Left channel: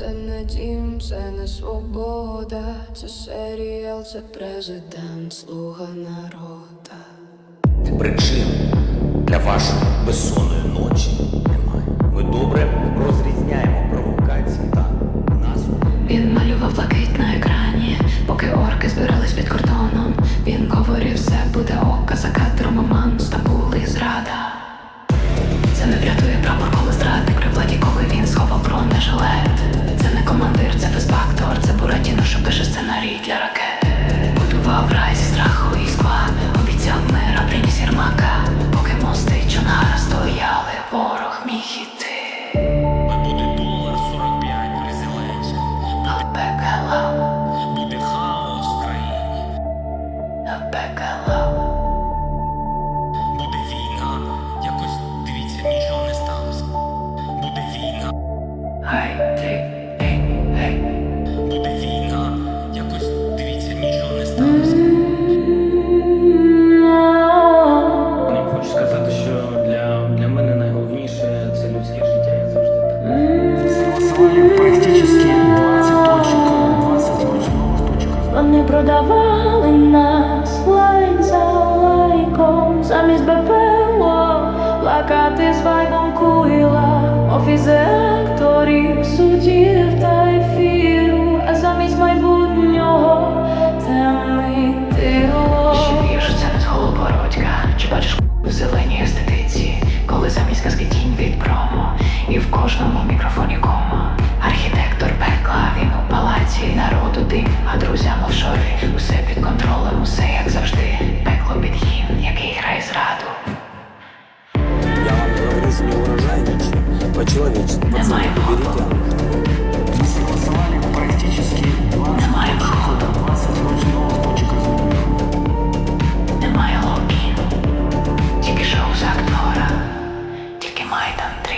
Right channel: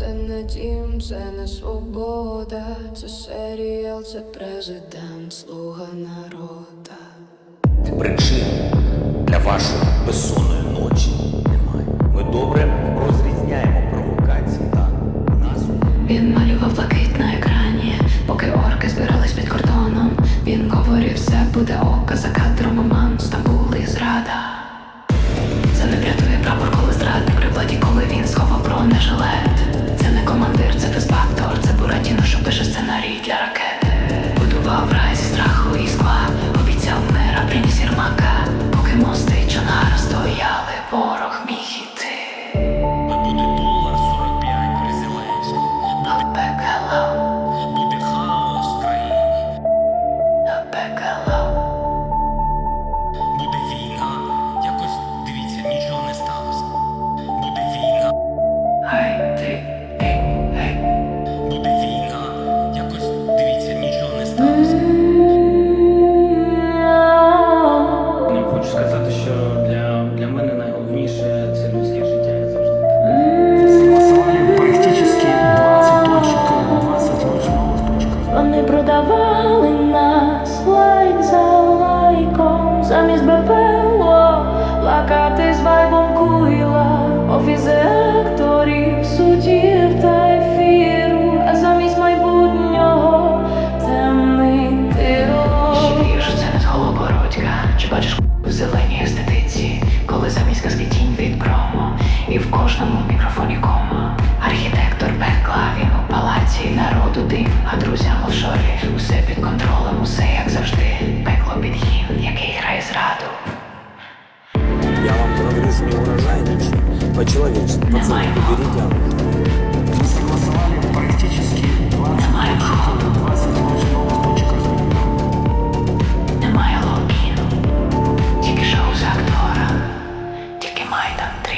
це не дім, це не свобода, це серіал, це президент, слуга народа. Причин для вашої безсонної ночі немає. Ми добре розрізняємо провокації та насуд. Він малював блакит на екрані, поки орки збирались під кордоном. Він говорив, все буде ока за кадром оман, Стамбул і зрада. Це не врятує прапор, коли зрадник він сховав бронежилет. Це не командир, це фезбактор, це Буратіно, що пише сценарій для ракет. Будував рай зі страху і скла, обіцяв мир, а приніс Єрмака. Поки мости Чонгара стояли, ворог міг іти. Буде долар 45 при Зеленському. Пекело, Буде хаос в країні. пекело. Буде війна. Якось дивіться, нічого не сталося. Буде війна. Гей, ти, гей, гей. Буде війна. Якось дивіться, нічого не сталося. Я хочу сказати, що для, для мене найголовніше це людське життя. Я завжди так. Вони продавали нас. Лайк за лайком, замість БПЛО. Плакати з вайбом куїла, офіси акторів, суддів та ефіру, а замість майбутнього темний тирло. Ще вірш, це не з Голобородька. Чи бачиш в зеленій естетиці, коли замість казки тінь від промо, і в кожному мікрофоні кома. Архітектор пекла, він у палаці, народу дим, а друзям офшори. Усе під контролем, усе як завжди. Пекло під гімн, який грає зраду. Я вам говорю, что не урожай ничего. По-человечески. Пацаны, Немає уберите оно. Мы согласовали практически 20 Немає точек, э, 20 очень новых точек разминирования. Немає логіну, тільки шоу з актора, тільки Майдан 3.